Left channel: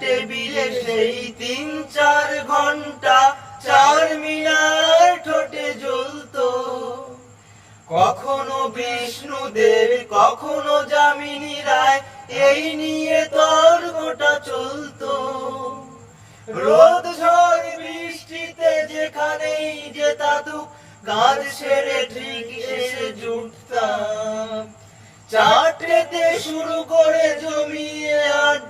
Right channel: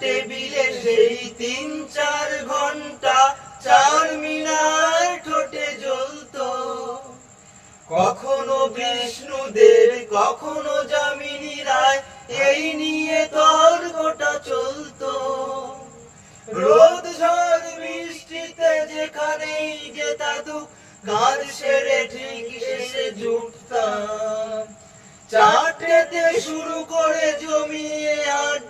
টেবিলে সেই তিন চার ঘণ্টা চার মিনার ঠোঁটে জ্বলতো। কখনো বিষ্ণুদেব, কখনো যামিনী রায়, এই নিয়ে তর্কটা চলতো। রোদ ঝড় বৃষ্টিতে যেখানেই যেতাতু, কাজ সেরে ঠিক এসে জুটতাম। চারটেতে শুরু করে জমিয়ে আড্ডা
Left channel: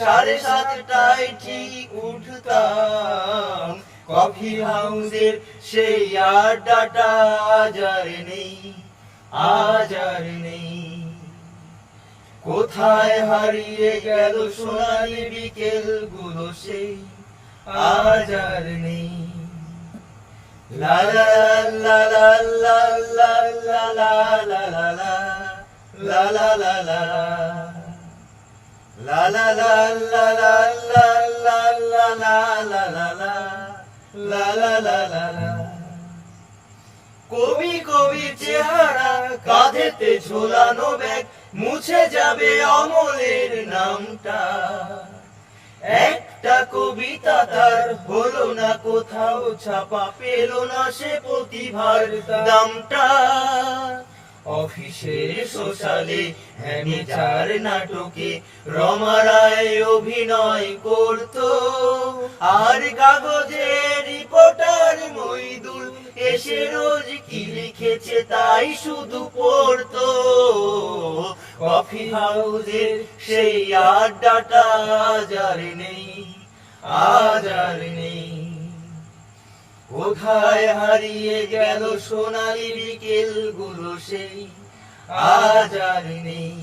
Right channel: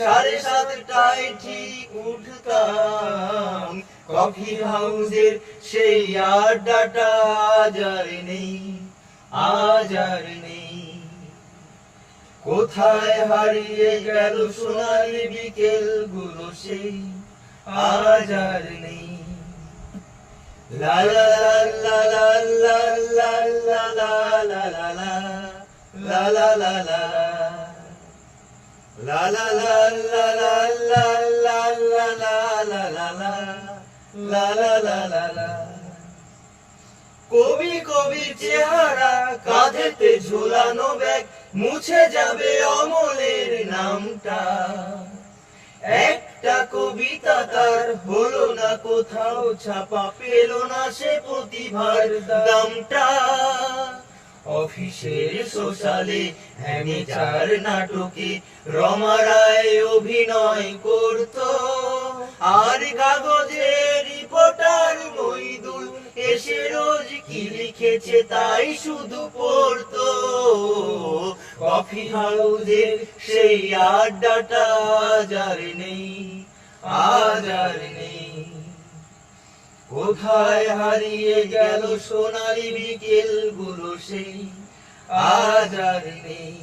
সাড়ে সাতটায় ঠিক উঠতাম কফি হাউসের সেই আড্ডাটা আজ আর নেই আজ আর নেই কোথায় হারিয়ে গেল সোনালি বিকেলগুলো সেই আজ আর নেই লা লা লা লা লা লা লা লা লা লা লা লা লা লা লা লা লা লা লা লা লা লা লা লা লা লা লা লা লা লা লা কবি কবি চেহারা কাঁধেতে ঝোলানো ব্যাগ মুছে যাবে অমলের নামটা একটা কবিতা তার হলো না কোথাও ছাপা পেল না সে প্রতিভার দামটা অফিসে সোশ্যালে হ্যামিচার নাটকে রমারায় অভিনয় করতো। আর কাগজে রিপোর্টার মইদুল এসে রোজ কি লিখেছে তাই শুধু পড়তো। কফি হাউসের সেই আড্ডাটা আজ আর নেই, আজ আর নেই। কোথায় হারিয়ে গেল সোনালি বিকেলগুলো সেই আজ আর নেই।